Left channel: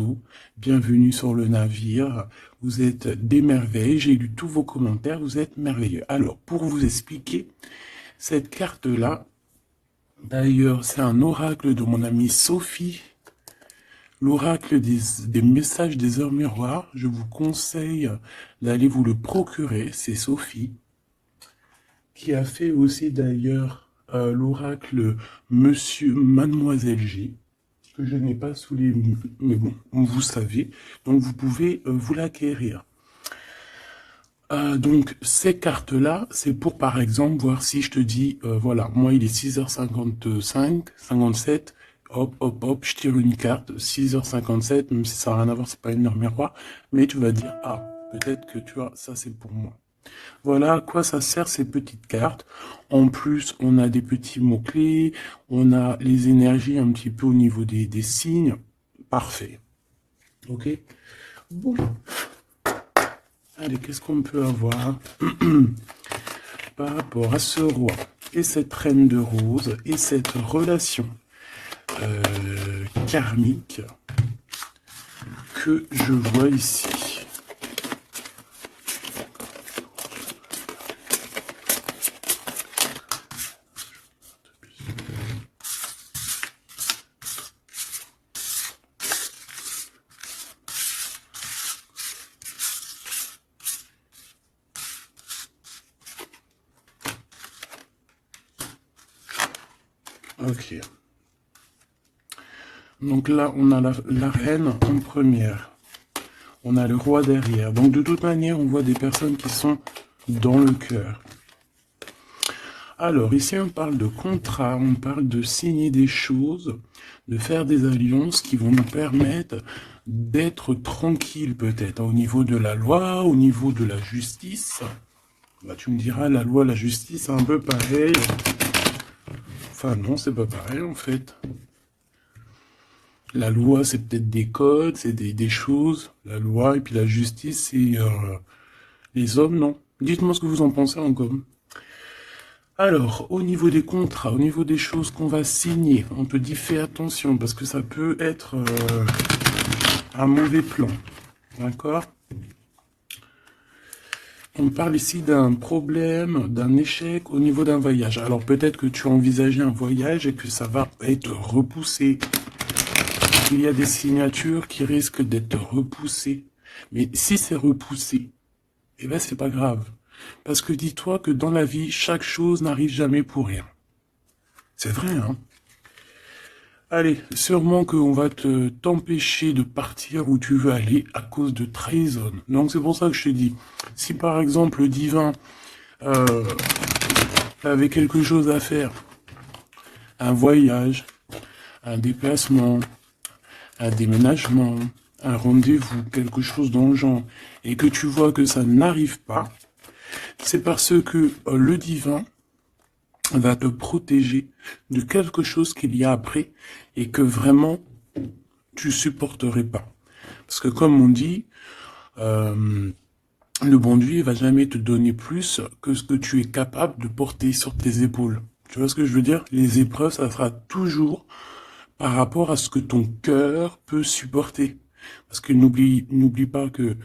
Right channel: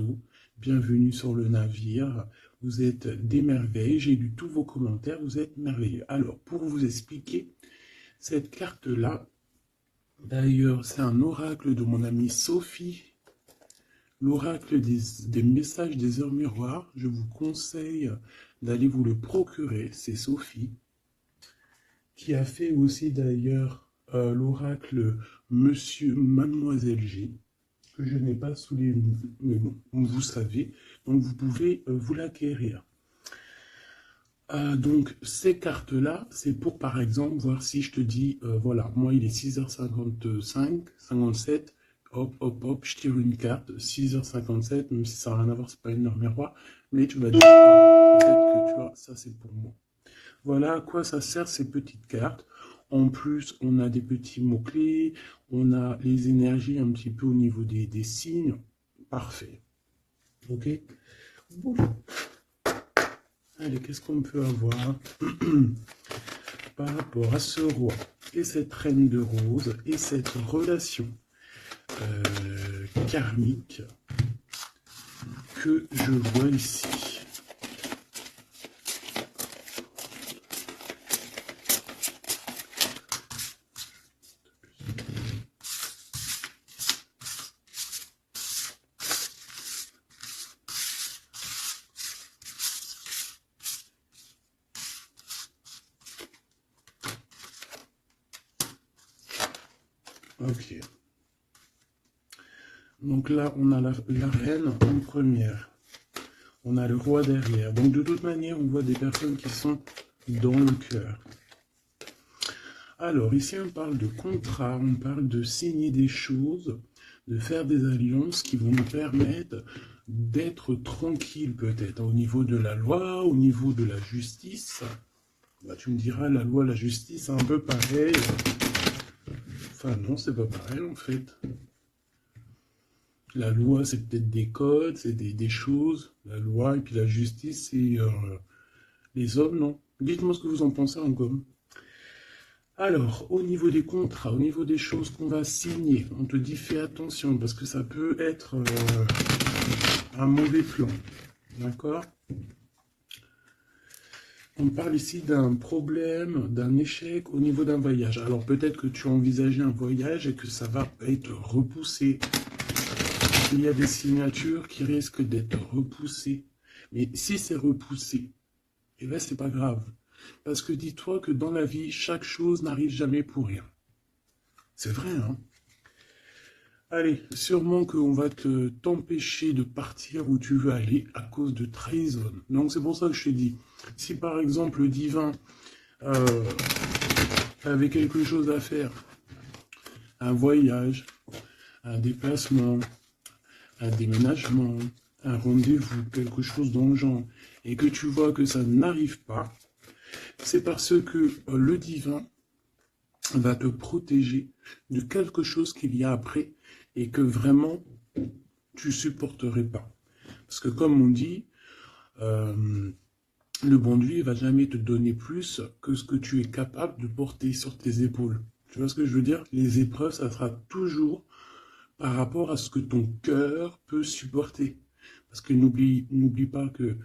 bateau. Bienvenue sur le navire. Vous êtes des merveilles. J'ai lu tous vos commentaires. Vous êtes merveilleux. Alors, pour vous expliquer, cette carte-là, d'ailleurs, c'est un oracle de mon amie Sophie. L'oracle des messages des heures miroirs. Je vous conseille d'aller vous le procurer. C'est Sophie qui a fait aussi d'ailleurs l'oracle Monsieur Mademoiselle G, que je n'ai pas sous les... Mais bon, vous savez, donc vous pouvez vous l'acquérir. Donc ces cartes-là, c'est pour par exemple voir si je te dis, voilà, moi il est 6h55, 57, hop, hop, hop, je tire une carte, 6h57, même si ça n'a rien à voir, c'est pas une heure miroir, mais tu vas dire, ah, peut-être que tu vois, ça c'est pour moi. Voilà à quoi ça sert ces petites cartes. En plus, on a des petits mots-clés, on a les énergies un petit peu au niveau des signes. Parfait. Ok? Bon. Allez, qu'est-ce qu'on peut avoir par rapport à ce roi et cette reine de rose et cette relation karmique que je vois ici. Ok. Donc là, on a la reine en première. On a le roi derrière. Donc de toute manière, on voit des personnes qui sont dans le cœur. Alors ici, on parle de contrat, on parle de signer des choses, de faire des alliances qui vont nous permettre d'être tranquilles peut-être au niveau de la loi, au niveau de la justice. Bah, tu me diras, la loi, la justice, c'est un peu pareil. Enfin non, c'est pas pareil en fait. La loi, c'est peut-être des codes, c'est des choses. La loi et puis la justice, c'est les hommes, non? Dites-moi ce que vous en pensez en com. Alors, au niveau des contrats, au niveau des choses qu'on va signer, on te dit fais attention parce que ça peut être un mauvais plan. D'accord? On parle ici d'un problème, d'un échec au niveau d'un voyage. Alors peut-être que tu as envisagé un voyage et que ça va être repoussé. Il y a des signatures qui risquent d'être repoussées. Mais si c'est repoussé, eh ben c'est pas grave. Parce que dis-toi que dans la vie, chaque chose n'arrive jamais pour rien. C'est vrai, hein? Allez, sûrement qu'on va t'empêcher de partir où tu veux aller à cause de trahison. Donc c'est pour ça que je te dis, si par exemple le divin avait quelque chose à faire, un voyage, un déplacement, un déménagement, un rendez-vous, quelque chose dans le genre, et que tu vois que ça n'arrive pas, c'est parce que le divin va te protéger de quelque chose qu'il y a après et que vraiment tu supporterais pas. Parce que comme on dit, le bon Dieu il va jamais te donner plus que ce que tu es capable de porter sur tes épaules. Tu vois ce que je veux dire? Les épreuves, ça sera toujours par rapport à ce que ton cœur peut supporter. Parce que n'oublie pas que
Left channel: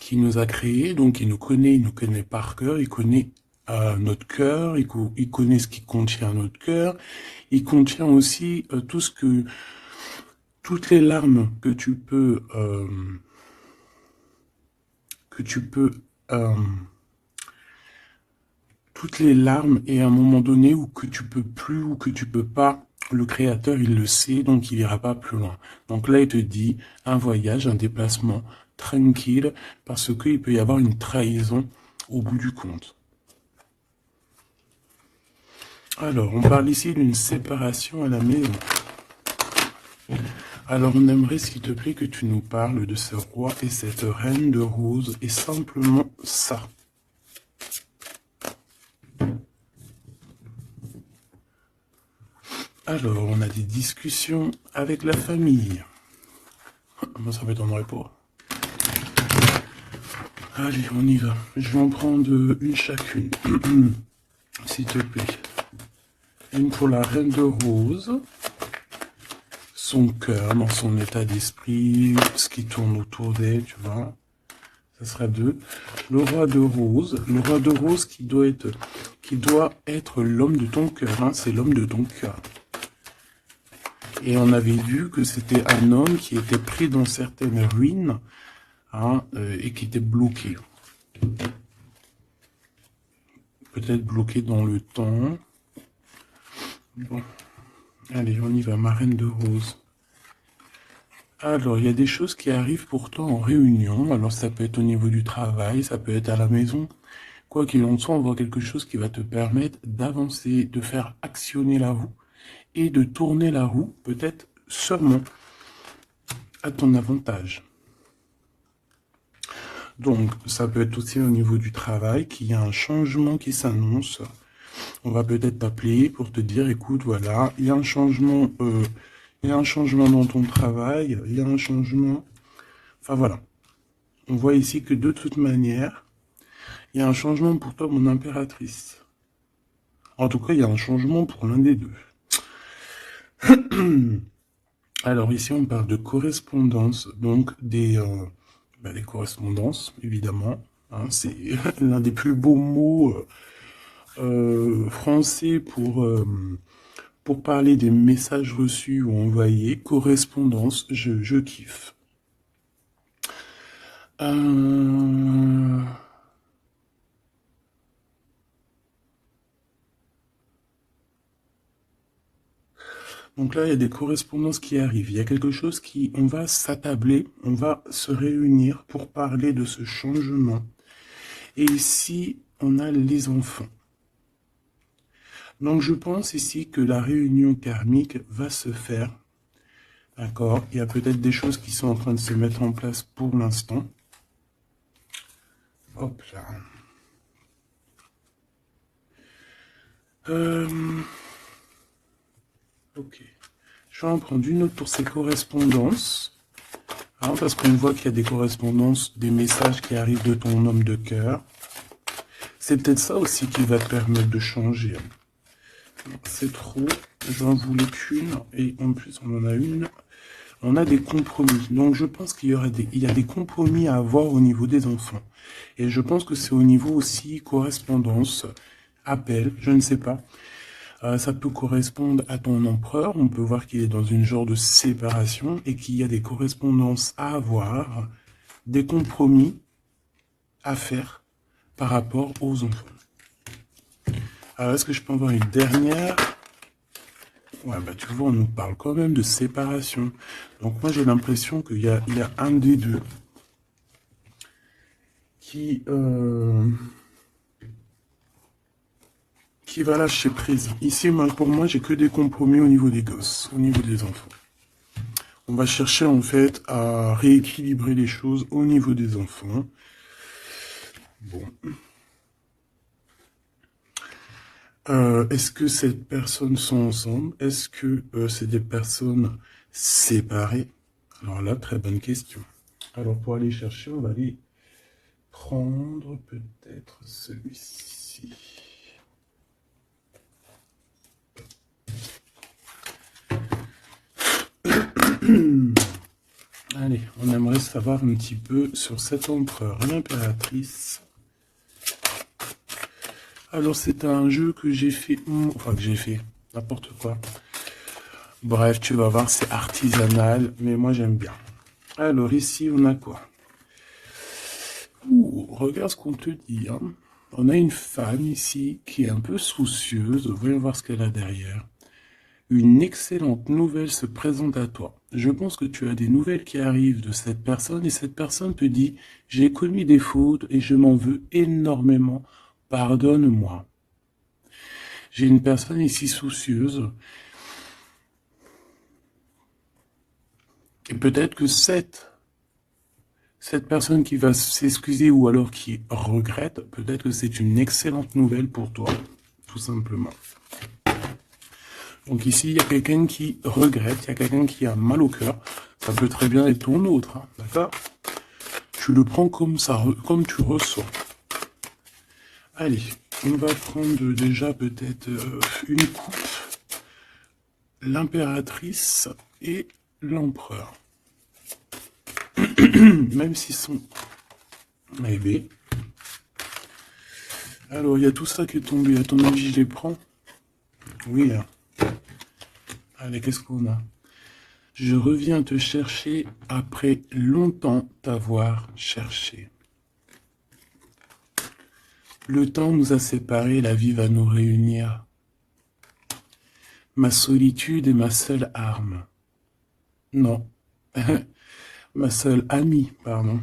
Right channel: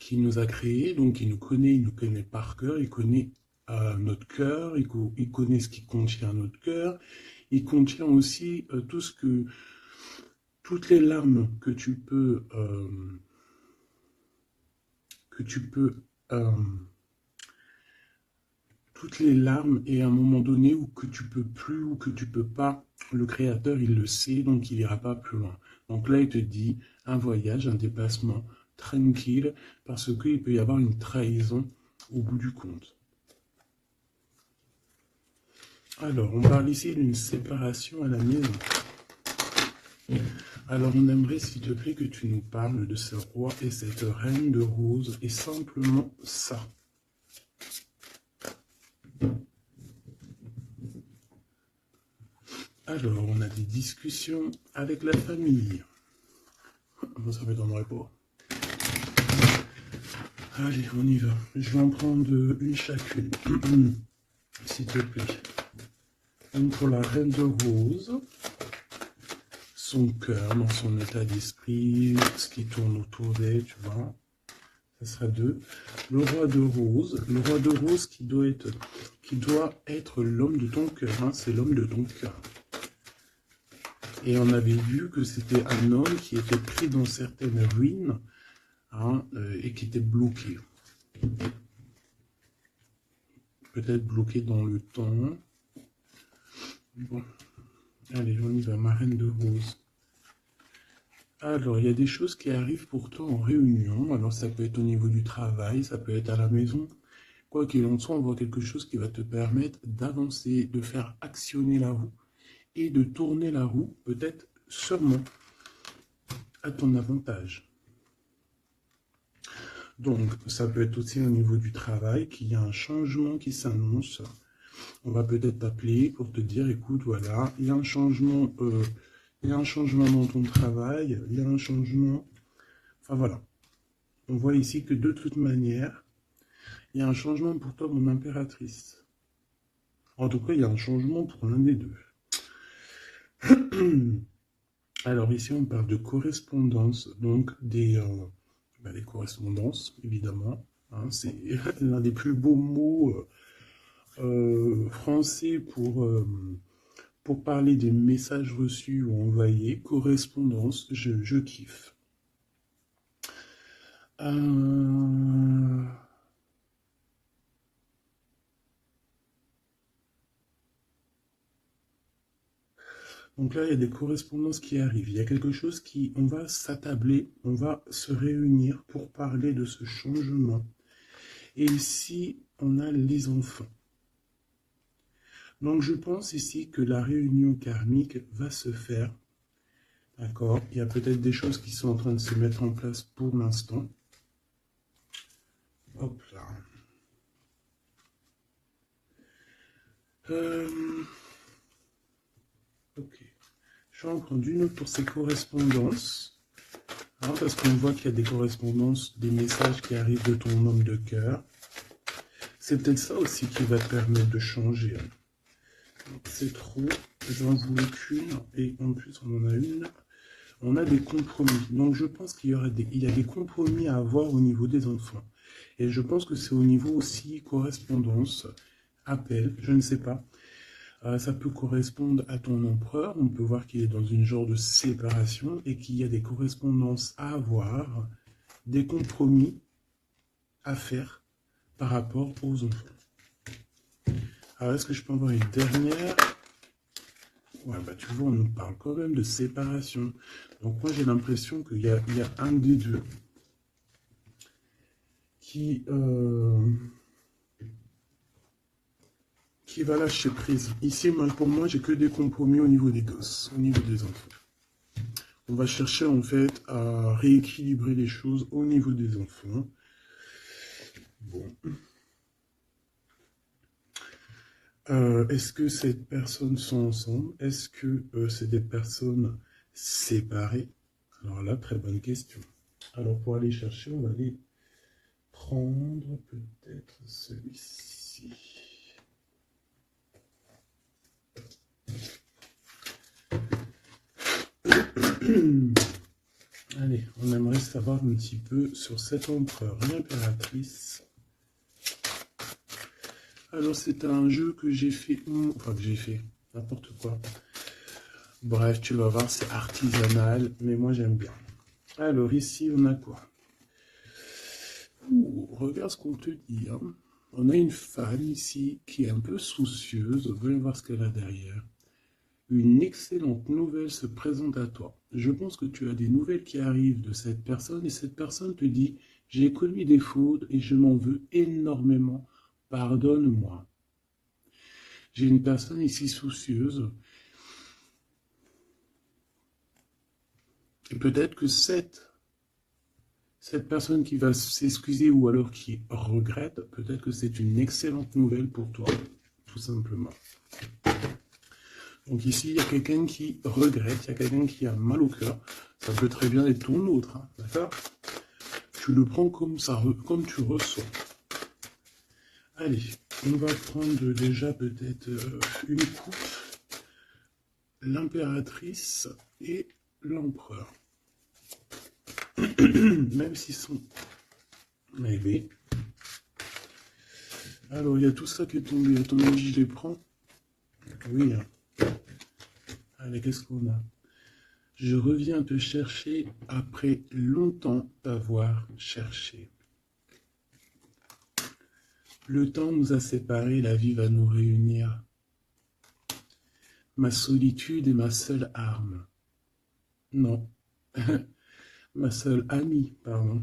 qui nous a créés, donc il nous connaît par cœur, il connaît notre cœur, il connaît ce qui contient notre cœur, il contient aussi toutes les larmes que tu peux, euh, toutes les larmes et à un moment donné où que tu peux plus ou que tu peux pas, le créateur il le sait, donc il ira pas plus loin. Donc là il te dit un voyage, un déplacement tranquille, parce qu'il peut y avoir une trahison au bout du compte. Alors, on parle ici d'une séparation à la maison. Alors, on aimerait, s'il te plaît, que tu nous parles de ce roi et cette reine de rose, et simplement ça. Alors, on a des discussions avec la famille. Moi, ça m'étonnerait pas. Allez, on y va. Je vais en prendre une chacune. S'il te plaît. Une pour la reine de rose. son cœur, dans son état d'esprit, ce qui tourne autour d'elle, tu vois. Ça serait 2. Le roi de rose. Le roi de rose qui doit être l'homme de ton cœur. Hein, c'est l'homme de ton cœur. Et on avait vu que c'était un homme qui était pris dans certaines ruines, hein, et qui était bloqué. Peut-être bloqué dans le temps. Bon. Allez, on y va, marraine de rose. Alors, il y a des choses qui arrivent pourtant en réunion. Alors, ça peut être au niveau du travail, ça peut être à la maison. Quoi qu'il en soit, on voit quelque chose qui va te permettre d'avancer, de faire actionner la roue et de tourner la roue, peut-être seulement à ton avantage. Donc, ça peut être aussi au niveau du travail qu'il y a un changement qui s'annonce. On va peut-être t'appeler pour te dire, écoute, voilà, il y a un changement, dans ton travail, il y a un changement. Enfin voilà. On voit ici que de toute manière, il y a un changement pour toi, mon impératrice. En tout cas, il y a un changement pour l'un des deux. Alors ici, on parle de correspondance, donc des correspondances, évidemment. Hein, c'est l'un des plus beaux mots français pour parler des messages reçus ou envoyés. Correspondance, je kiffe. Donc là, il y a des correspondances qui arrivent. Il y a quelque chose on va s'attabler, on va se réunir pour parler de ce changement. Et ici, on a les enfants. Donc je pense ici que la réunion karmique va se faire. D'accord? Il y a peut-être des choses qui sont en train de se mettre en place pour l'instant. Hop là. Ok. Je vais en prendre une autre pour ces correspondances. Hein, parce qu'on voit qu'il y a des correspondances, des messages qui arrivent de ton homme de cœur. C'est peut-être ça aussi qui va te permettre de changer. C'est trop. Je n'en voulais qu'une. Et en plus, on en a une. On a des compromis. Donc, je pense qu'il y a des compromis à avoir au niveau des enfants. Et je pense que c'est au niveau aussi correspondance, appel, je ne sais pas. Ça peut correspondre à ton empereur. On peut voir qu'il est dans une genre de séparation et qu'il y a des correspondances à avoir, des compromis à faire par rapport aux enfants. Alors, est-ce que je peux avoir une dernière? Ouais, bah tu vois, on nous parle quand même de séparation. Donc moi, j'ai l'impression qu'il y a un des deux qui va lâcher prise. Ici, pour moi, j'ai que des compromis au niveau des gosses, au niveau des enfants. On va chercher en fait à rééquilibrer les choses au niveau des enfants. Bon. Est-ce que ces personnes sont ensemble? Est-ce que c'est des personnes séparées? Alors là, très bonne question. Alors pour aller chercher, on va aller prendre peut-être celui-ci. Allez, on aimerait savoir un petit peu sur cet empereur, l'impératrice. Alors c'est un jeu que j'ai fait, n'importe quoi. Bref, tu vas voir, c'est artisanal, mais moi j'aime bien. Alors ici, on a quoi? Regarde ce qu'on te dit. Hein. On a une femme ici qui est un peu soucieuse. Voyons voir ce qu'elle a derrière. Une excellente nouvelle se présente à toi. Je pense que tu as des nouvelles qui arrivent de cette personne et cette personne te dit « J'ai commis des fautes et je m'en veux énormément. Pardonne-moi. » J'ai une personne ici soucieuse. Et peut-être que cette personne qui va s'excuser ou alors qui regrette, peut-être que c'est une excellente nouvelle pour toi, tout simplement. Donc ici, il y a quelqu'un qui regrette, il y a quelqu'un qui a mal au cœur. Ça peut très bien être ton autre, hein, d'accord? Tu le prends comme ça, comme tu ressens. Allez, on va prendre déjà peut-être une coupe. l'impératrice et l'empereur. Même s'ils sont maybe. Alors, il y a tout ça qui est tombé. À ton avis, je les prends? Oui. Hein. Allez, qu'est-ce qu'on a? Je reviens te chercher après longtemps t'avoir cherché. Le temps nous a séparés, la vie va nous réunir. Ma solitude est ma seule arme. Non. Ma seule amie, pardon.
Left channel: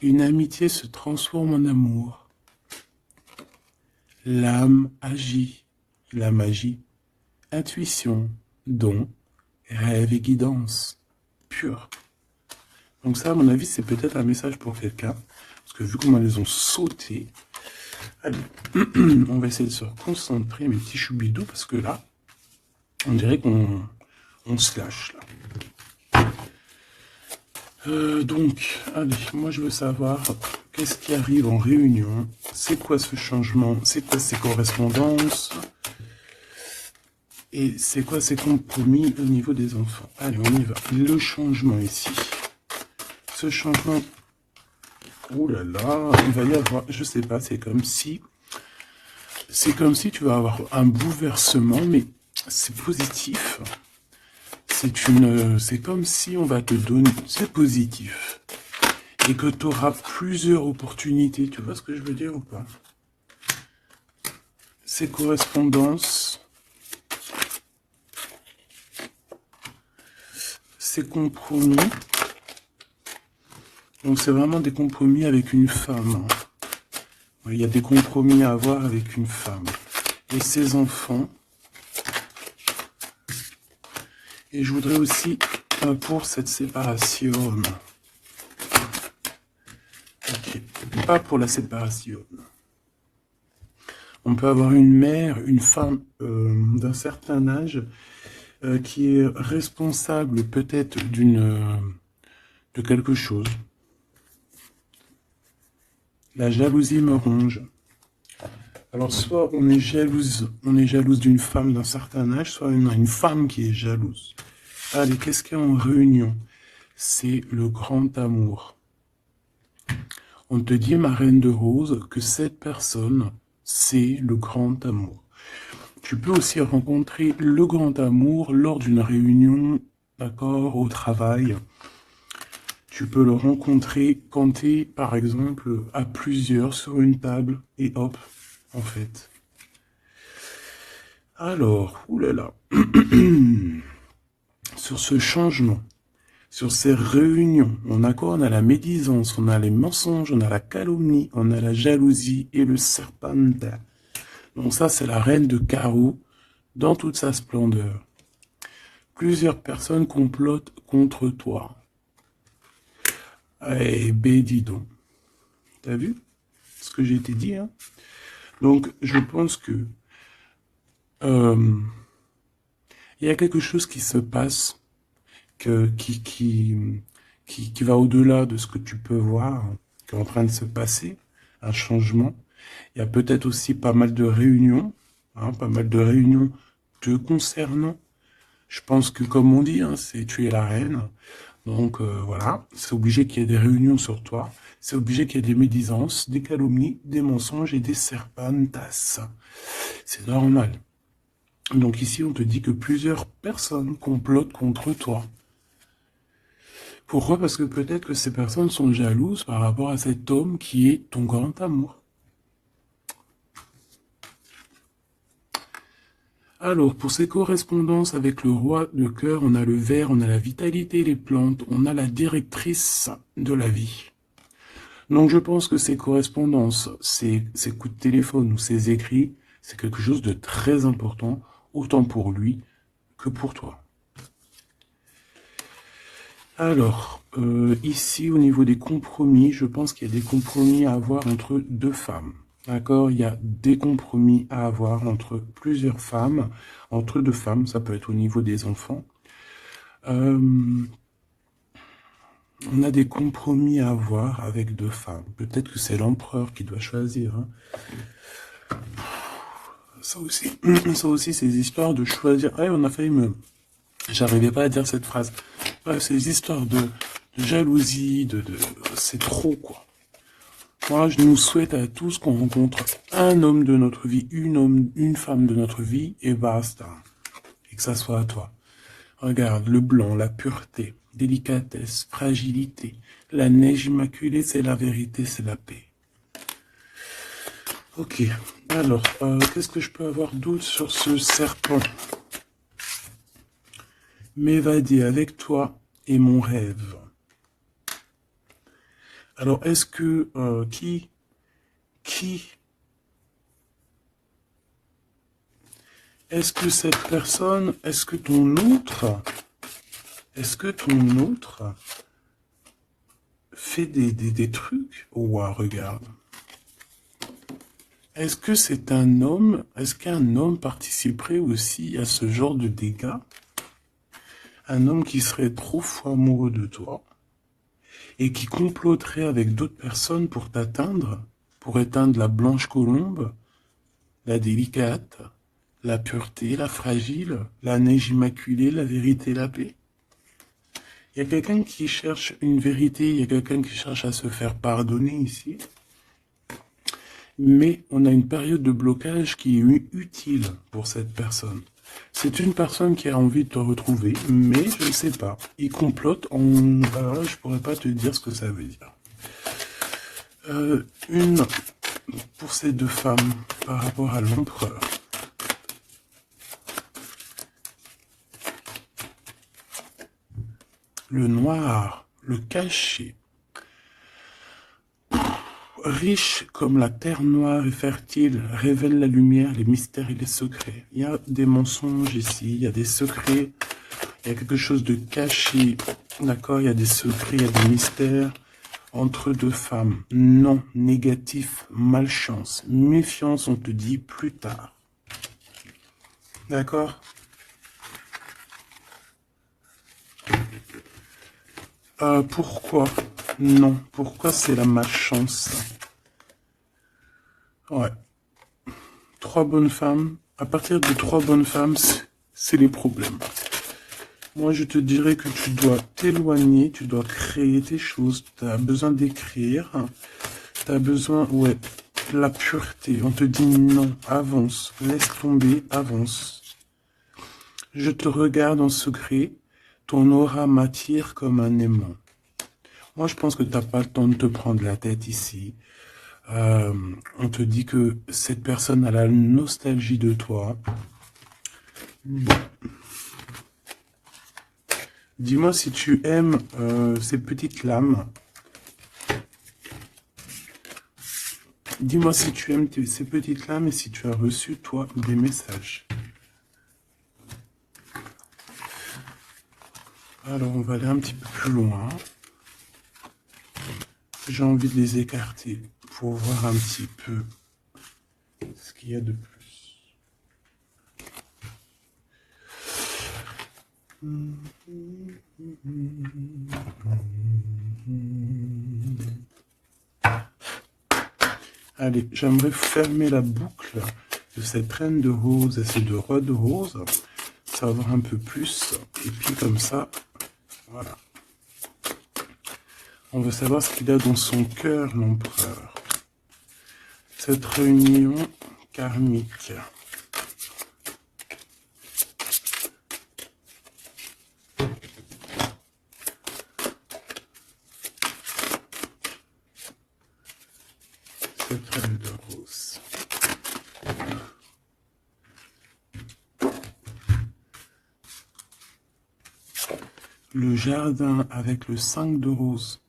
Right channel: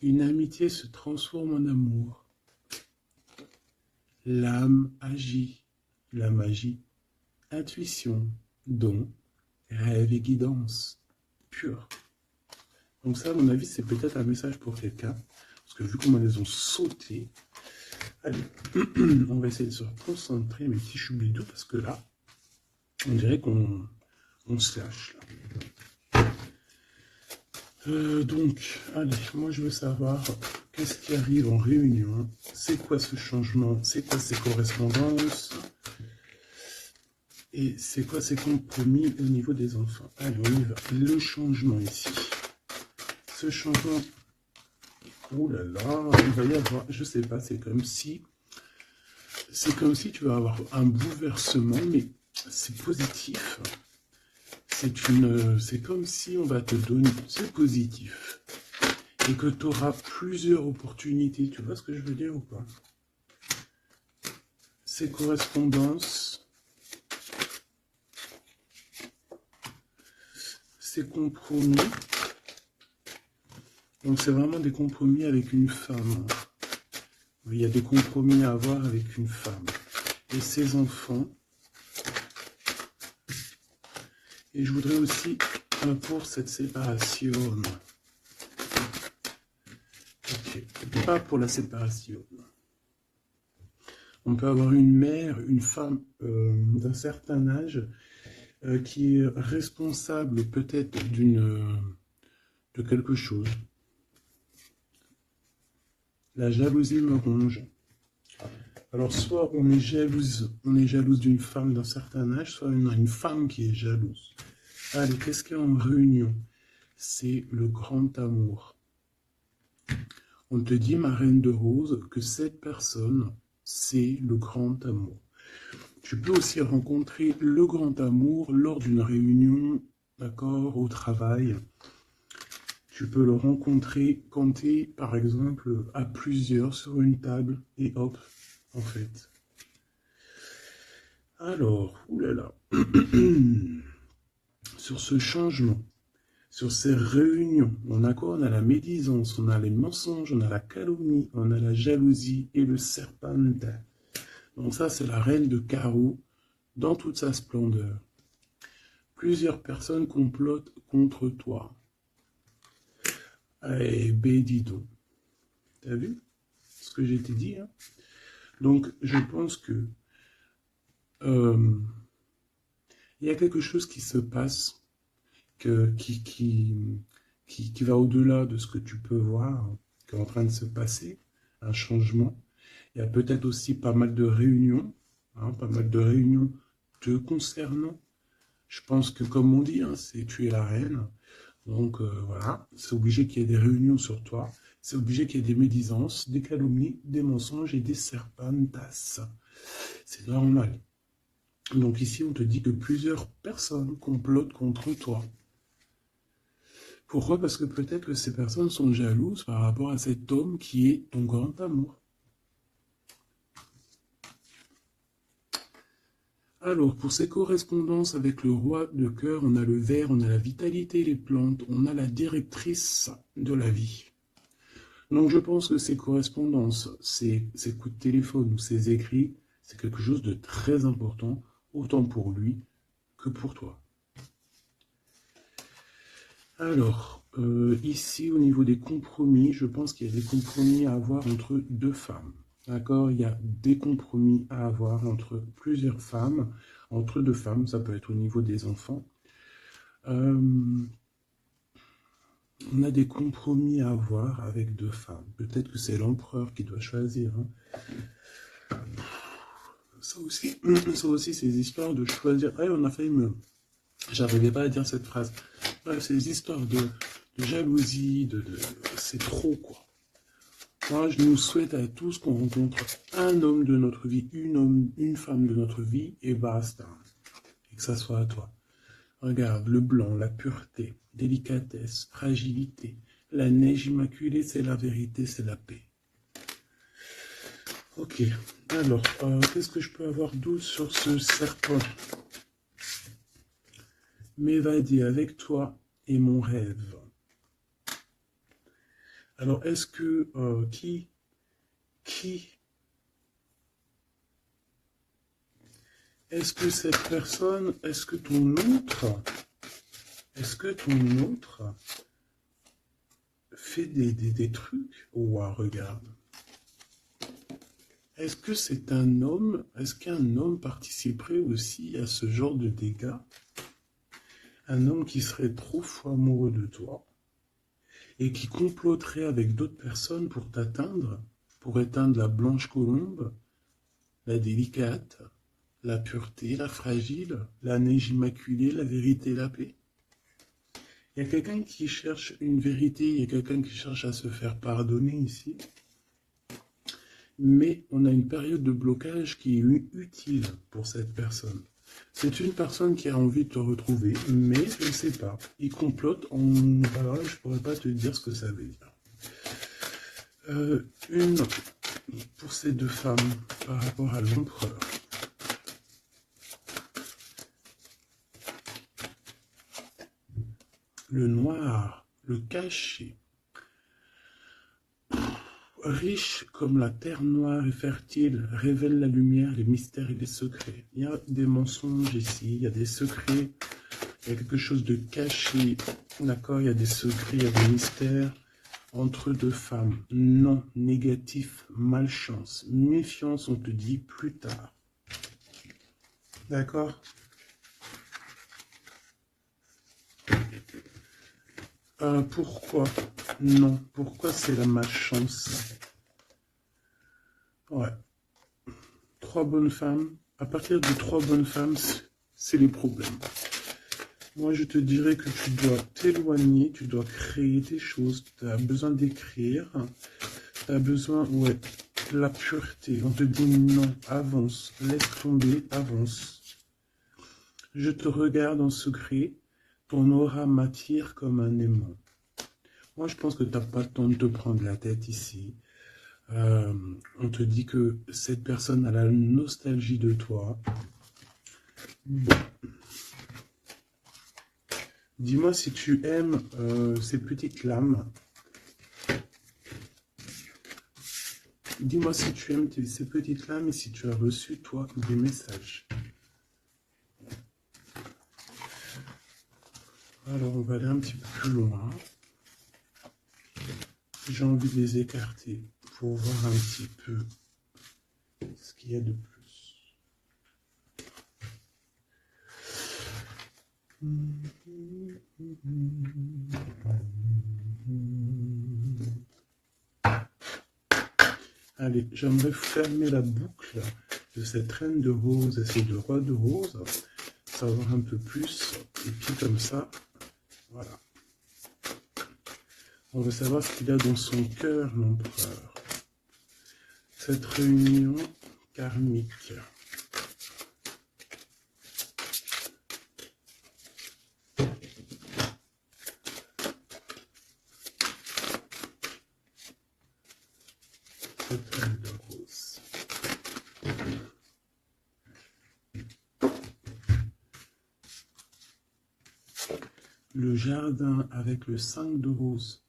Une amitié se transforme en amour. L'âme agit, la magie, intuition, don, rêve et guidance, pure. Donc ça, à mon avis, c'est peut-être un message pour quelqu'un. Parce que vu comment elles ont sauté, allez, on va essayer de se concentrer, mes petits choubidous, parce que là, on dirait qu'on se lâche, là. Donc, allez, moi je veux savoir qu'est-ce qui arrive en réunion, c'est quoi ce changement, c'est quoi ces correspondances, et c'est quoi ces compromis au niveau des enfants. Allez, on y va. Le changement ici. Ce changement, oh là là, il va y avoir, je sais pas, c'est comme si tu vas avoir un bouleversement, mais c'est positif. C'est comme si on va te donner, c'est positif, et que tu auras plusieurs opportunités, tu vois ce que je veux dire ou pas? Ces correspondances, ces compromis, donc c'est vraiment des compromis avec une femme. Il y a des compromis à avoir avec une femme. Et ses enfants. Et je voudrais aussi pour cette séparation. Okay. Pas pour la séparation. On peut avoir une mère, une femme d'un certain âge qui est responsable peut-être de quelque chose. La jalousie me ronge. Alors soit on est jalouse d'une femme d'un certain âge, soit une femme qui est jalouse. Allez, qu'est-ce qu'il y a en réunion? C'est le grand amour. On te dit, ma reine de rose, que cette personne, c'est le grand amour. Tu peux aussi rencontrer le grand amour lors d'une réunion, d'accord, au travail. Tu peux le rencontrer quand tu es, par exemple, à plusieurs sur une table, et hop, en fait. Alors, oulala, sur ce changement, sur ces réunions, on a quoi? On a la médisance, on a les mensonges, on a la calomnie, on a la jalousie et le serpentin. Donc ça, c'est la reine de carreau dans toute sa splendeur. Plusieurs personnes complotent contre toi. Eh ben, dis donc. T'as vu ce que j'ai été dit, hein? Donc, je pense que il y a quelque chose qui se passe qui va au-delà de ce que tu peux voir, qui est en train de se passer, un changement. Il y a peut-être aussi pas mal de réunions, hein, pas mal de réunions te concernant. Je pense que, comme on dit, hein, c'est tu es la reine. Donc voilà, c'est obligé qu'il y ait des réunions sur toi. C'est obligé qu'il y ait des médisances, des calomnies, des mensonges et des serpentas. C'est normal. Donc ici, on te dit que plusieurs personnes complotent contre toi. Pourquoi? Parce que peut-être que ces personnes sont jalouses par rapport à cet homme qui est ton grand amour. Alors, pour ces correspondances avec le roi de cœur, on a le ver, on a la vitalité, les plantes, on a la directrice de la vie. Donc, je pense que ces correspondances, ces coups de téléphone ou ces écrits, c'est quelque chose de très important, autant pour lui que pour toi. Alors, ici, au niveau des compromis, je pense qu'il y a des compromis à avoir entre deux femmes. D'accord? Il y a des compromis à avoir entre plusieurs femmes, entre deux femmes, ça peut être au niveau des enfants. On a des compromis à avoir avec deux femmes. Peut-être que c'est l'empereur qui doit choisir. Hein. ça aussi, c'est des histoires de choisir. Ouais, on a failli me... J'arrivais pas à dire cette phrase. Ouais, c'est des histoires de jalousie, c'est trop, quoi. Moi, je nous souhaite à tous qu'on rencontre un homme de notre vie, une femme de notre vie, et basta. Et que ça soit à toi. Regarde, le blanc, la pureté, délicatesse, fragilité. La neige immaculée, c'est la vérité, c'est la paix. Ok, alors, qu'est-ce que je peux avoir d'autre sur ce serpent? M'évader avec toi est mon rêve. Alors, est-ce que, est-ce que cette personne, est-ce que ton autre fait des trucs? Ouah, regarde. Est-ce que c'est un homme, est-ce qu'un homme participerait aussi à ce genre de dégâts? Un homme qui serait trop fou amoureux de toi et qui comploterait avec d'autres personnes pour t'atteindre, pour éteindre la blanche colombe, la délicate, la pureté, la fragile, la neige immaculée, la vérité, la paix. Il y a quelqu'un qui cherche une vérité, il y a quelqu'un qui cherche à se faire pardonner ici. Mais on a une période de blocage qui est utile pour cette personne. C'est une personne qui a envie de te retrouver, mais je ne sais pas. Il complote en... Alors là, je pourrais pas te dire ce que ça veut dire. Une pour ces deux femmes par rapport à l'empereur. Le noir, le caché. Riche comme la terre noire et fertile, révèle la lumière, les mystères et les secrets. Il y a des mensonges ici, il y a des secrets, il y a quelque chose de caché, d'accord? Il y a des secrets, il y a des mystères entre deux femmes. Non, négatif, malchance, méfiance, on te dit plus tard. D'accord? Pourquoi? Non, pourquoi c'est la malchance? Ouais. Trois bonnes femmes. À partir de trois bonnes femmes, c'est les problèmes. Moi, je te dirais que tu dois t'éloigner, tu dois créer tes choses. Tu as besoin d'écrire. Tu as besoin, ouais, de la pureté. On te dit non, avance, laisse tomber, avance. Je te regarde en secret. Ton aura m'attire comme un aimant. Moi, je pense que tu n'as pas le temps de te prendre la tête ici. On te dit que cette personne a la nostalgie de toi. Bon. Dis-moi si tu aimes ces petites lames. Dis-moi si tu aimes ces petites lames et si tu as reçu, toi, des messages. Alors, on va aller un petit peu plus loin. J'ai envie de les écarter pour voir un petit peu ce qu'il y a de plus. Allez, j'aimerais fermer la boucle de cette reine de rose et ces deux rois de rose. Savoir un peu plus. Et puis comme ça, voilà. On veut savoir ce qu'il a dans son cœur, l'empereur. Cette réunion karmique. Cette reine de rose. Le jardin avec le 5 de rose.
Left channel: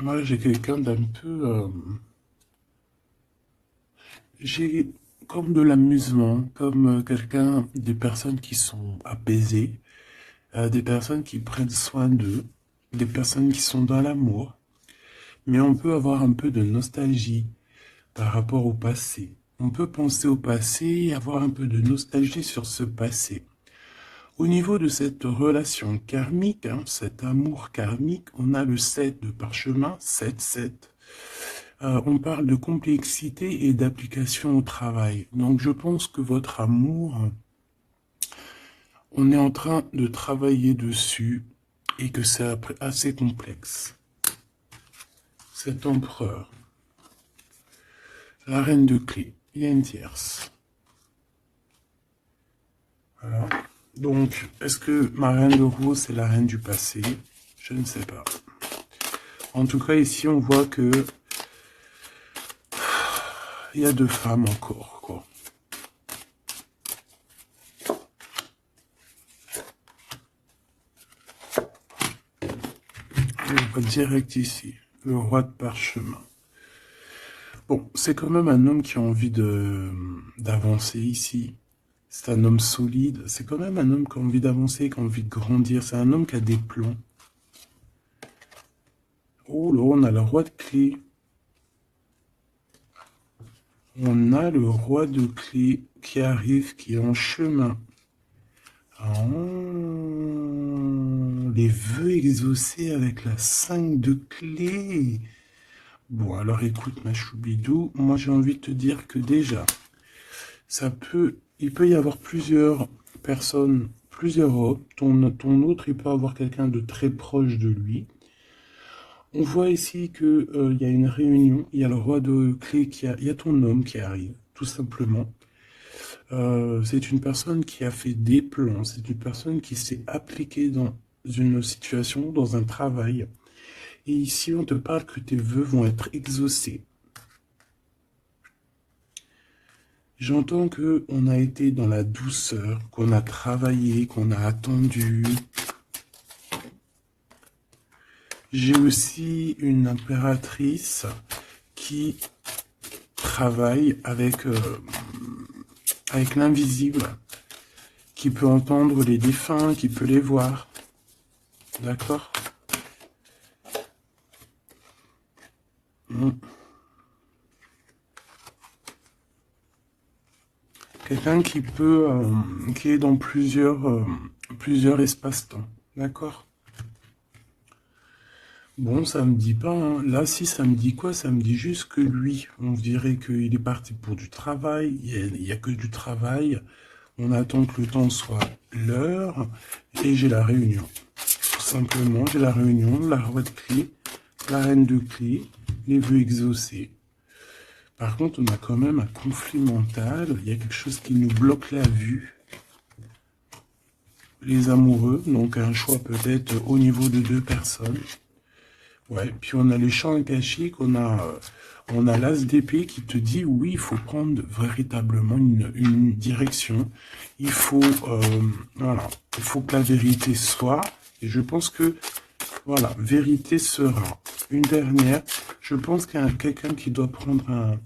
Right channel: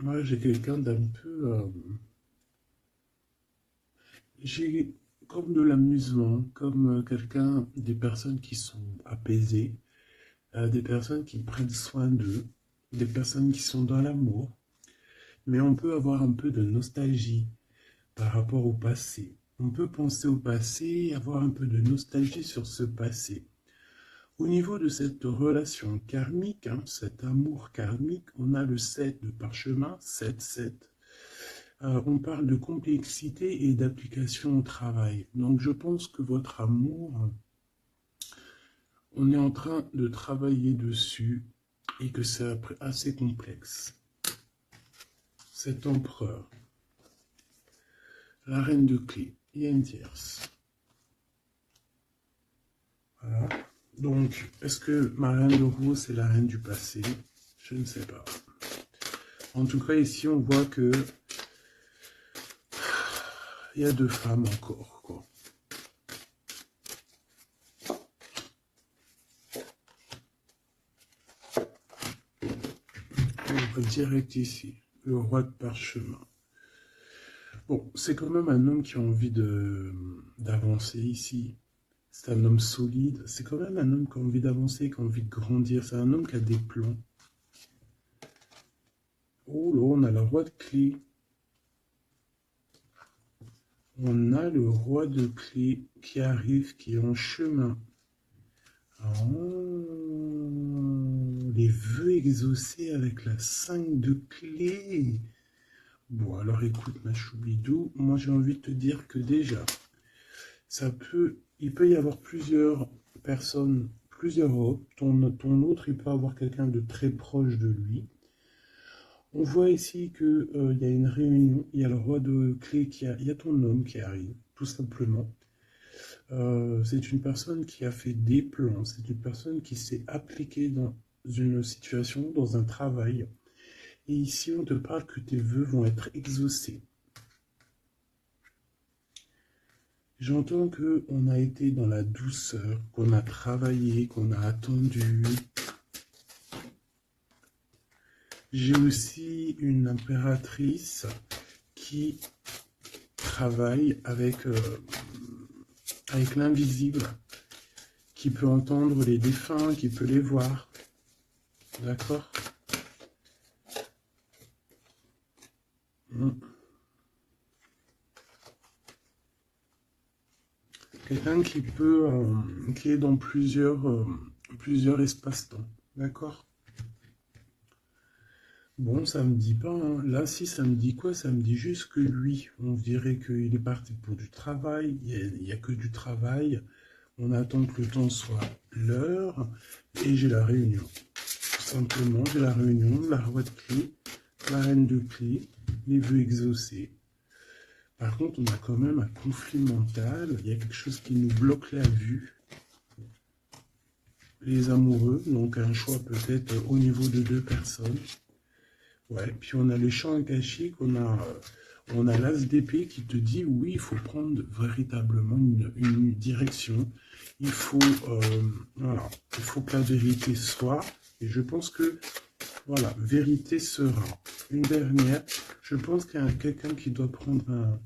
Moi, j'ai quelqu'un d'un peu... j'ai comme de l'amusement, comme quelqu'un, des personnes qui sont apaisées, des personnes qui prennent soin d'eux, des personnes qui sont dans l'amour. Mais on peut avoir un peu de nostalgie par rapport au passé. On peut penser au passé et avoir un peu de nostalgie sur ce passé. Au niveau de cette relation karmique, cet amour karmique, on a le 7 de parchemin, 7, 7. On parle de complexité et d'application au travail. Donc je pense que votre amour, on est en train de travailler dessus et que c'est assez complexe. Cet empereur, la reine de clé, il y a une tierce. Voilà. Donc, est-ce que ma reine de rose, c'est la reine du passé? Je ne sais pas. En tout cas, ici, on voit que il y a deux femmes encore, quoi. Et on va direct ici, le roi de parchemin. Bon, c'est quand même un homme qui a envie d'avancer ici. C'est un homme solide. C'est quand même un homme qui a envie d'avancer, qui a envie de grandir. C'est un homme qui a des plans. Oh là, on a le roi de clé. On a le roi de clé qui arrive, qui est en chemin. Oh, les vœux exaucés avec la 5 de clé. Bon, alors écoute, ma choubidou, moi j'ai envie de te dire que déjà, il peut y avoir plusieurs personnes, plusieurs hommes. Ton autre, il peut avoir quelqu'un de très proche de lui. On voit ici que il y a une réunion, il y a le roi de clé il y a ton homme qui arrive, tout simplement. C'est une personne qui a fait des plans, c'est une personne qui s'est appliquée dans une situation, dans un travail. Et ici, on te parle que tes vœux vont être exaucés. J'entends que on a été dans la douceur, qu'on a travaillé, qu'on a attendu. J'ai aussi une impératrice qui travaille avec l'invisible, qui peut entendre les défunts, qui peut les voir. D'accord? Quelqu'un qui est dans plusieurs espaces-temps. D'accord? Bon, ça me dit pas, hein. Là, si ça me dit quoi? Ça me dit juste que lui, on dirait qu'il est parti pour du travail. Il y a que du travail. On attend que le temps soit l'heure. Et j'ai la réunion. Tout simplement, j'ai la réunion, la roi de clé, la reine de clé, les vœux exaucés. Par contre, on a quand même un conflit mental. Il y a quelque chose qui nous bloque la vue. Les amoureux, donc un choix peut-être au niveau de deux personnes. Ouais, puis on a les champs akashiques, on a l'as d'épée qui te dit oui, il faut prendre véritablement une direction. Voilà, il faut que la vérité soit. Et je pense que voilà, vérité sera. Une dernière, je pense qu'il y a quelqu'un qui doit prendre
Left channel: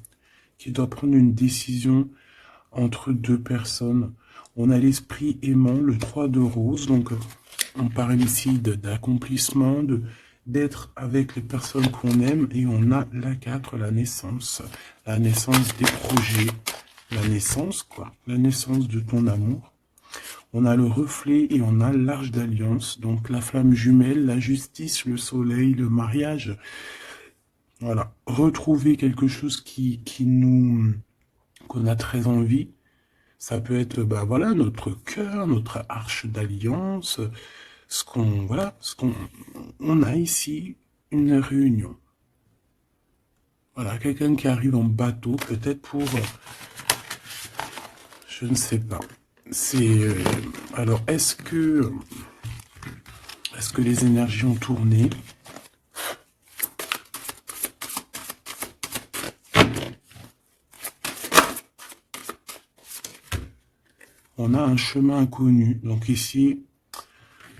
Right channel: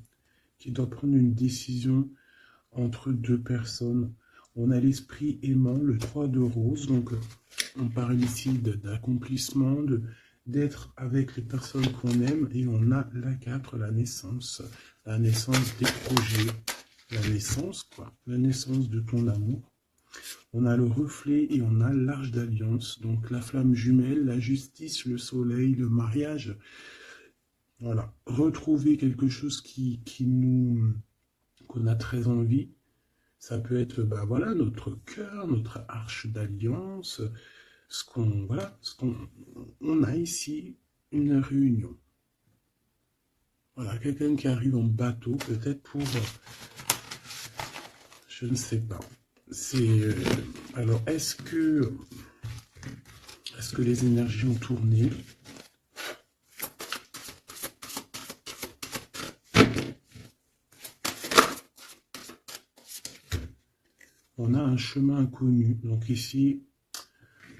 une décision entre deux personnes. On a l'esprit aimant, le 3 de rose, donc on parle ici d'accomplissement, d'être avec les personnes qu'on aime, et on a la 4, la naissance des projets, la naissance, quoi, la naissance de ton amour. On a le reflet et on a l'arche d'alliance, donc la flamme jumelle, la justice, le soleil, le mariage. Voilà, retrouver quelque chose qu'on a très envie. Ça peut être, bah voilà, notre cœur, notre arche d'alliance, on a ici une réunion. Voilà, quelqu'un qui arrive en bateau, peut-être pour, je ne sais pas. Alors, est-ce que les énergies ont tourné? On a un chemin inconnu. Donc ici,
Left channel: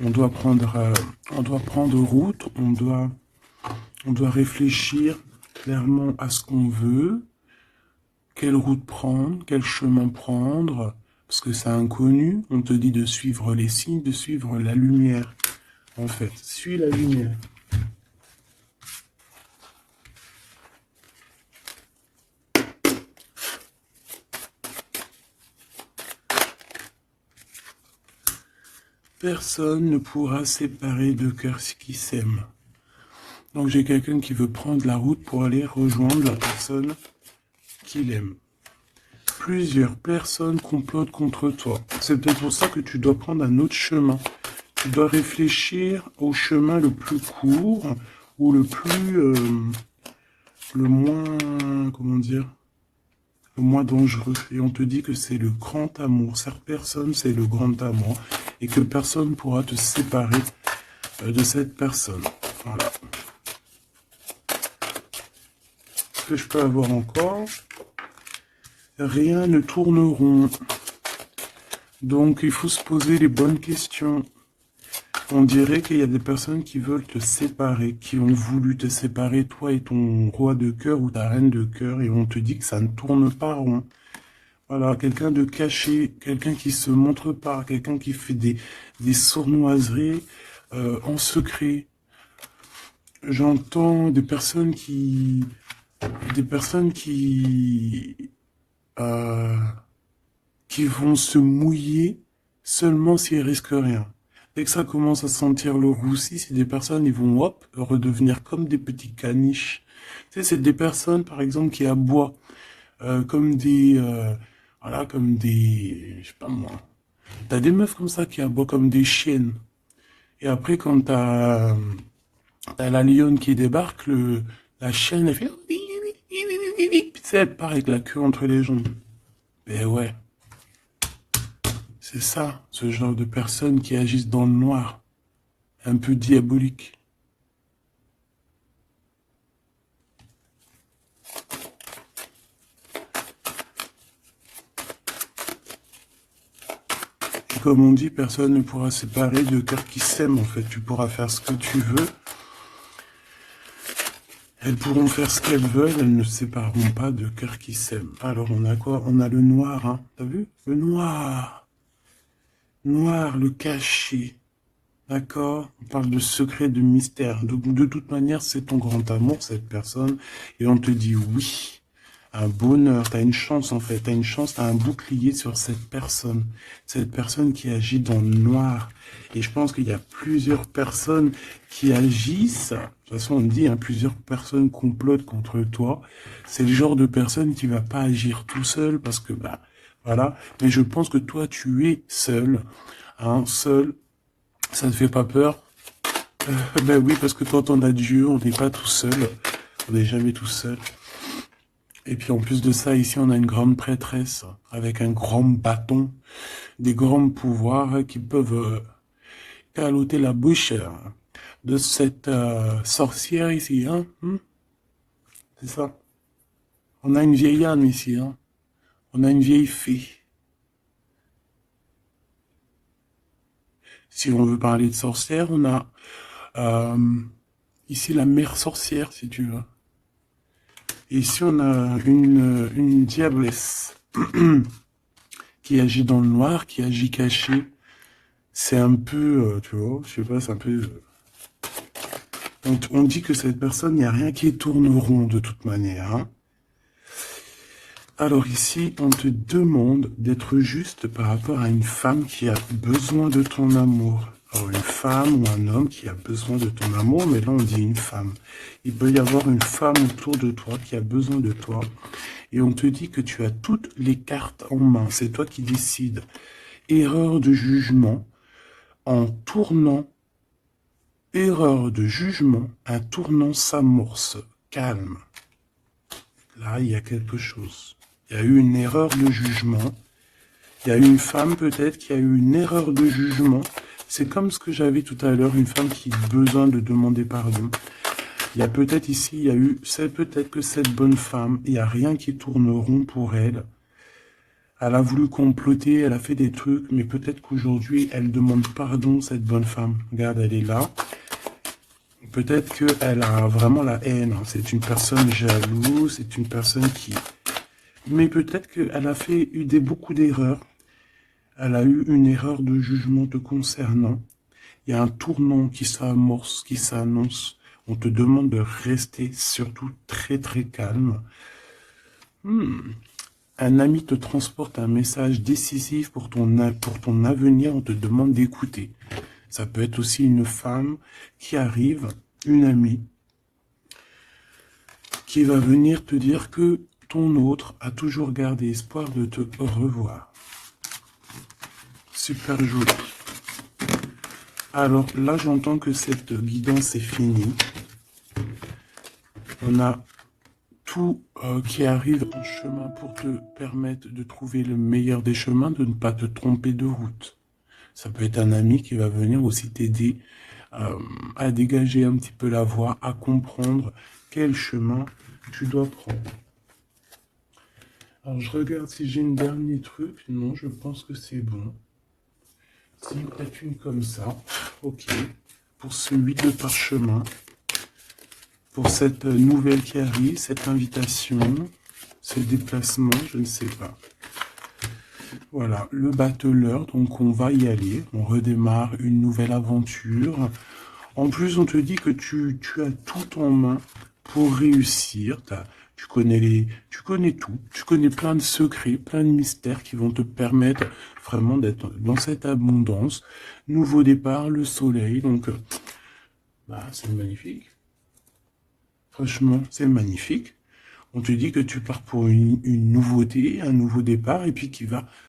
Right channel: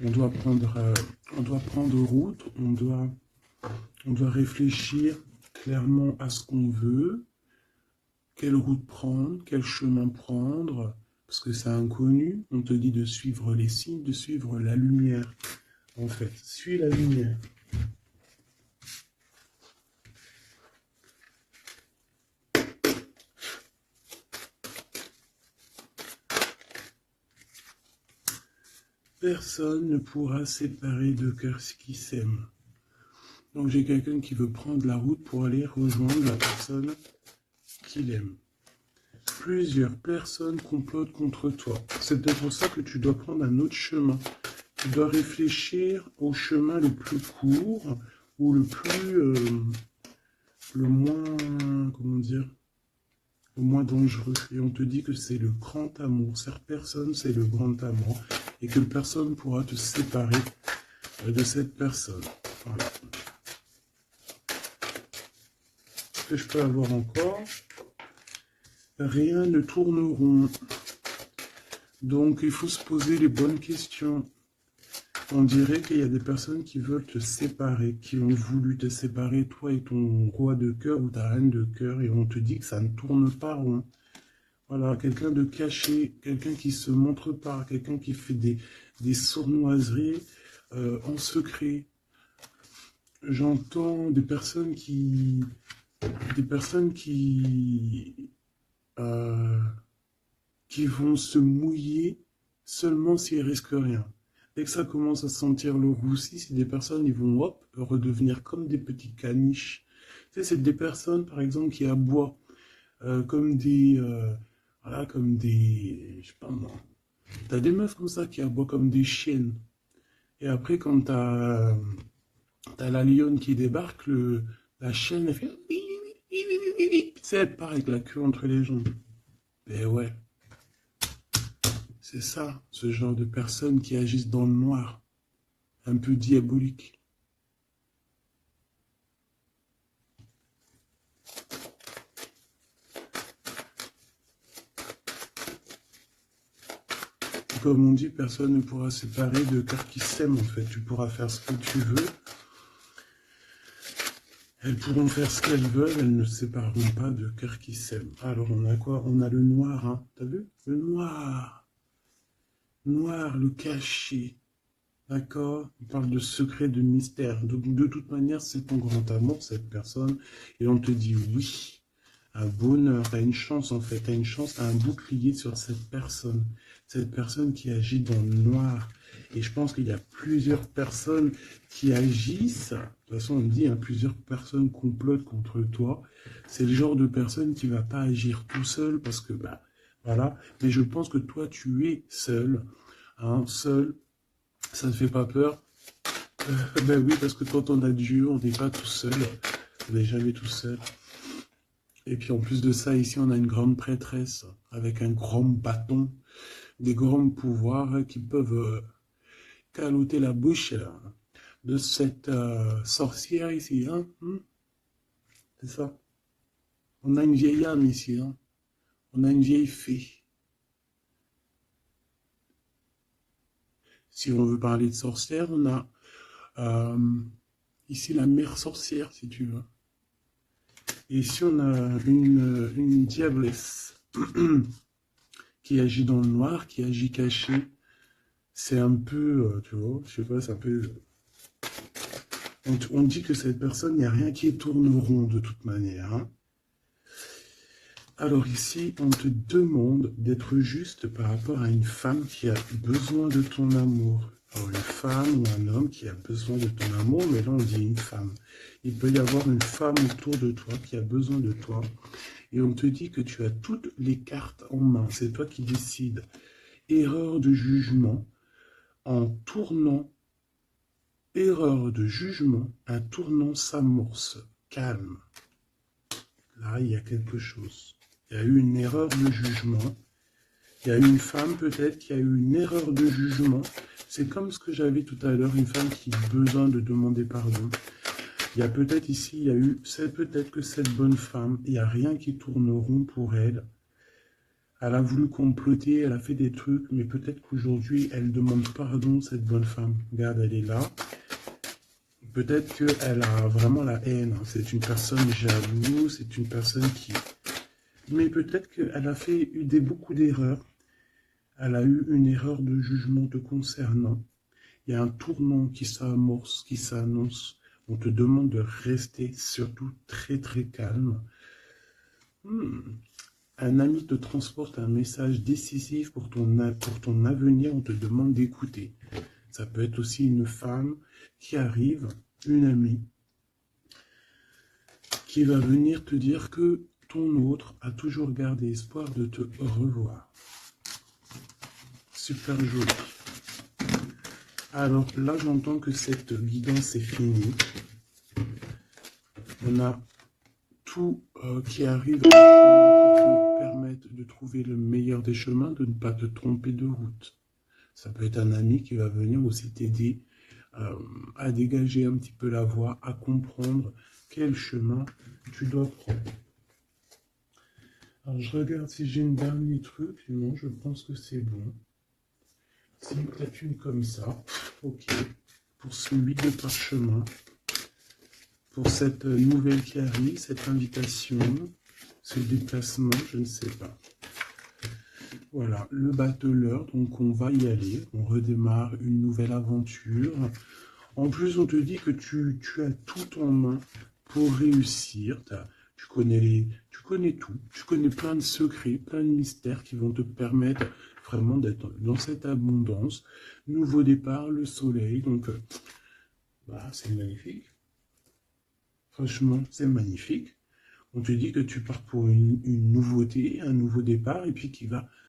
on doit prendre route, on doit réfléchir clairement à ce qu'on veut, quelle route prendre, quel chemin prendre, parce que c'est inconnu. On te dit de suivre les signes, de suivre la lumière. En fait, suis la lumière. Personne ne pourra séparer deux cœurs qui s'aiment. Donc j'ai quelqu'un qui veut prendre la route pour aller rejoindre la personne qu'il aime. Plusieurs personnes complotent contre toi. C'est peut-être pour ça que tu dois prendre un autre chemin. Tu dois réfléchir au chemin le plus court ou le moins, comment dire, le moins dangereux. Et on te dit que c'est le grand amour. Cette personne, c'est le grand amour. Et que personne ne pourra te séparer de cette personne. Voilà. Ce que je peux avoir encore, rien ne tourne rond. Donc, il faut se poser les bonnes questions. On dirait qu'il y a des personnes qui veulent te séparer, qui ont voulu te séparer, toi et ton roi de cœur ou ta reine de cœur, et on te dit que ça ne tourne pas rond. Voilà, quelqu'un de caché, quelqu'un qui se montre pas, quelqu'un qui fait des sournoiseries en secret. J'entends des personnes euh, qui vont se mouiller seulement s'ils risquent rien. Dès que ça commence à sentir le roussi, c'est des personnes, ils vont hop, redevenir comme des petits caniches. Tu sais, c'est des personnes, par exemple, qui aboient comme voilà, comme des, je sais pas moi. T'as des meufs comme ça qui aboient comme des chiennes. Et après, quand t'as la lionne qui débarque, la chienne, elle fait, tu sais, elle part avec la queue entre les jambes. Ben ouais. C'est ça, ce genre de personnes qui agissent dans le noir, un peu diabolique. Et comme on dit, personne ne pourra séparer de cœurs qui s'aiment, en fait. Tu pourras faire ce que tu veux. Elles pourront faire ce qu'elles veulent, elles ne sépareront pas de cœurs qui s'aiment. Alors, on a quoi? On a le noir, hein. T'as vu? Le noir. Noir, le caché. D'accord? On parle de secret, de mystère. De toute manière, c'est ton grand amour, cette personne. Et on te dit oui. Un bonheur, tu as une chance en fait. Tu as une chance, tu as un bouclier sur cette personne. Cette personne qui agit dans le noir. Et je pense qu'il y a plusieurs personnes qui agissent. De toute façon, on dit, hein, plusieurs personnes complotent contre toi. C'est le genre de personne qui va pas agir tout seul parce que, bah, voilà. Mais je pense que toi, tu es seul. Hein, seul. Ça ne fait pas peur? Ben oui, parce que quand on a Dieu, on n'est pas tout seul. On n'est jamais tout seul. Et puis en plus de ça, ici, on a une grande prêtresse avec un grand bâton, des grands pouvoirs qui peuvent caloter la bouche de cette sorcière ici. Hein? C'est ça. On a une vieille âme ici. Hein? On a une vieille fée. Si on veut parler de sorcière, on a euh, ici la mère sorcière, si tu veux. Et ici, on a une diablesse qui agit dans le noir, qui agit caché. C'est un peu, tu vois, je sais pas, c'est un peu... On dit que cette personne, il n'y a rien qui tourne rond de toute manière. Hein. Alors ici, on te demande d'être juste par rapport à une femme qui a besoin de ton amour. Alors une femme ou un homme qui a besoin de ton amour, mais là on dit une femme. Il peut y avoir une femme autour de toi qui a besoin de toi. Et on te dit que tu as toutes les cartes en main. C'est toi qui décides. Erreur de jugement en tournant. Erreur de jugement, un tournant s'amorce. Calme. Là, il y a quelque chose. Il y a eu une erreur de jugement. Il y a une femme peut-être qui a eu une erreur de jugement. C'est comme ce que j'avais tout à l'heure, une femme qui a besoin de demander pardon. Il y a peut-être ici, il y a eu, c'est peut-être que cette bonne femme, il n'y a rien qui tourne rond pour elle. Elle a voulu comploter, elle a fait des trucs, mais peut-être qu'aujourd'hui, elle demande pardon, cette bonne femme. Regarde, elle est là. Peut-être qu'elle a vraiment la haine. C'est une personne jalouse, c'est une personne qui... Mais peut-être qu'elle a fait beaucoup d'erreurs. Elle a eu une erreur de jugement te concernant. Il y a un tournant qui s'amorce, qui s'annonce. On te demande de rester surtout très très calme. Un ami te transporte un message décisif pour ton avenir. On te demande d'écouter. Ça peut être aussi une femme qui arrive, une amie, qui va venir te dire que ton autre a toujours gardé espoir de te revoir. Super joli. Alors là, j'entends que cette guidance est finie. On a tout qui arrive à un chemin pour te permettre de trouver le meilleur des chemins, de ne pas te tromper de route. Ça peut être un ami qui va venir aussi t'aider à dégager un petit peu la voie, à comprendre quel chemin tu dois prendre. Alors je regarde si j'ai une dernier truc. Non, je pense que c'est bon. Si, peut-être une comme ça. Ok. Pour ce 8 de parchemin. Pour cette nouvelle qui arrive, cette invitation, ce déplacement, je ne sais pas. Voilà, le battleur, donc on va y aller. On redémarre une nouvelle aventure. En plus, on te dit que tu as tout en main pour réussir. Tu connais tout. Tu connais plein de secrets, plein de mystères qui vont te permettre vraiment d'être dans cette abondance. Nouveau départ, le soleil. Donc, c'est magnifique. Franchement, c'est magnifique. On te dit que tu pars pour une nouveauté, un nouveau départ, et puis qui va